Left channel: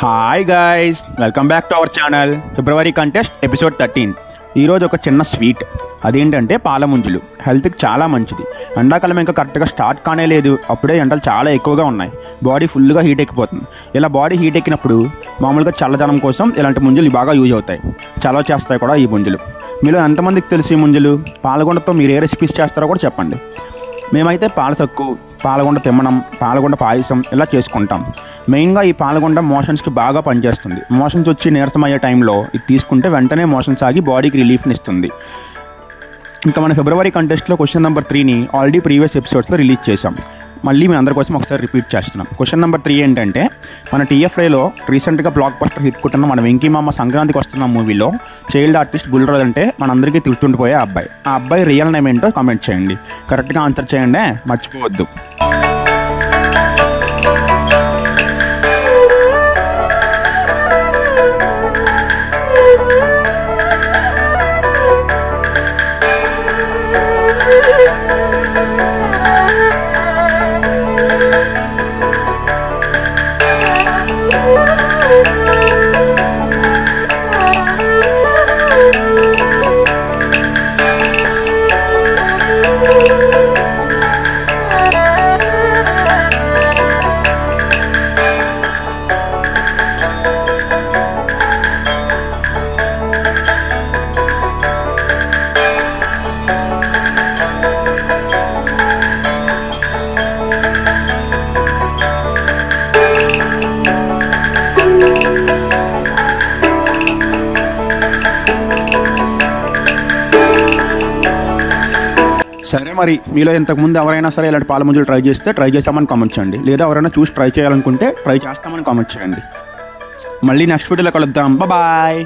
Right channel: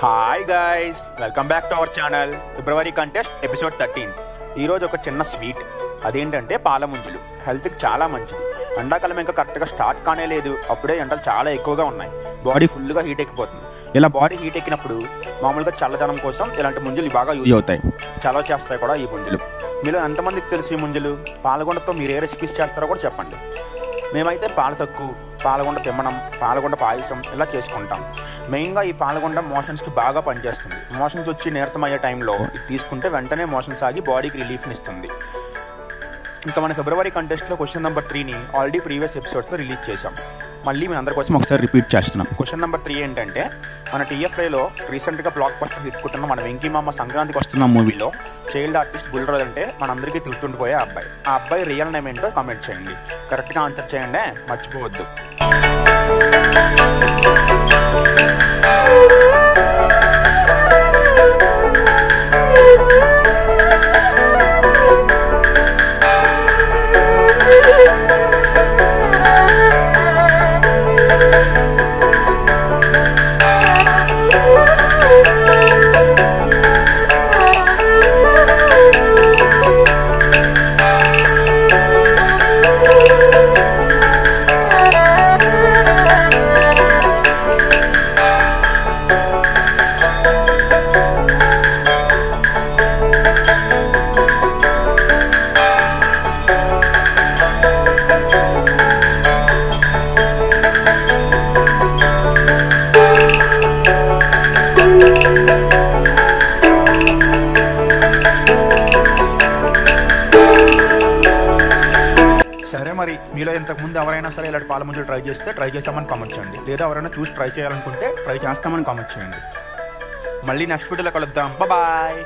Hi guys, welcome back to our channel. February contest episode 13. ఈరోజు ఒక చిన్న sweet. అదేంటంటే పాల ముంజులు. హెల్త్కి చాలా మంచిది. ఎండాకాలం ఇంకా కరెక్ట్గా స్టార్ట్ కానే లేదు, అప్పుడే ఎండలు చాలా ఎక్కువగా ఉన్నాయి. బాడీ ఫుల్గా హీట్ ఎక్కిపోతుంది. ఇలా బాడీ హీట్ ఎక్కినప్పుడు మామూలుగా చల్లదనం కోసం ఇలాంటి ముంజులు బాగా యూజ్ అవుతాయి. చలవ చేస్తాయి కూడా ఈ ముంజులు. మీలో ఎంతమందికి తెలిసి ఈ ముంజులు? పాలగుండతో మీరు ఏ రెసిపీస్ చేస్తారో కూడా చెప్పండి. మేమైతే పాల సక్కు, పాలగుండ తిమ్మనం, పాలగుండ పాయసం ఇలా చేసుకుంటాం. మెయిన్గా ఈ పాలగుండ మోషన్స్కి బాగా పనిచేస్తుంది. మోషన్స్ వచ్చి నీరసం అయ్యే టైంలో ఇది తీసుకుంటే వెంటనే మోషన్స్ ఆగి బాడీకి రిలీఫ్ని ఇస్తుంది. ఇంకా మన ఫిబ్రవరి కంటెస్ట్లో క్వశ్చన్ నెంబర్ 3ని ఆల్రెడీ ప్రీవియస్ ఎపిసోడ్స్లో రిలీజ్ చేసాం. మళ్ళీ మీ అందరి కోసం ఒకసారి రిపీట్ చేస్తున్నాం. క్వశ్చన్ నెంబర్ 3 ఏంటంటే, మన TFIలో రీసెంట్గా బ్లాక్ బస్టర్ హిట్ కొట్టిన మన వెంకీ మామ సంక్రాంతికి వస్తున్న మూవీలో చైల్డ్ ఆర్టిస్ట్ బుల్రాజ్ అంటే మనందరికీ తిరుగుతుండిపోయే అబ్బాయి. ఆ అబ్బాయి రియల్ నేమ్ ఏంటో కామెంట్ చేయండి. కరెక్ట్గా ఆన్సర్ చేయండి, మర్చిపోవద్దు. సరే, మరి మీలో ఇంతకుముందు ఎవరైనా సరే ఇలాంటి పాల ముంజులు ట్రై చేస్తామని కామెంట్ చేయండి. లేదా ఎవరైనా చూసి ట్రై చేయాలనుకుంటే ట్రై చేస్తామని కామెంట్ చేయండి. మళ్ళీ నెక్స్ట్ వీడియోలో కలుద్దాం. బాయ్.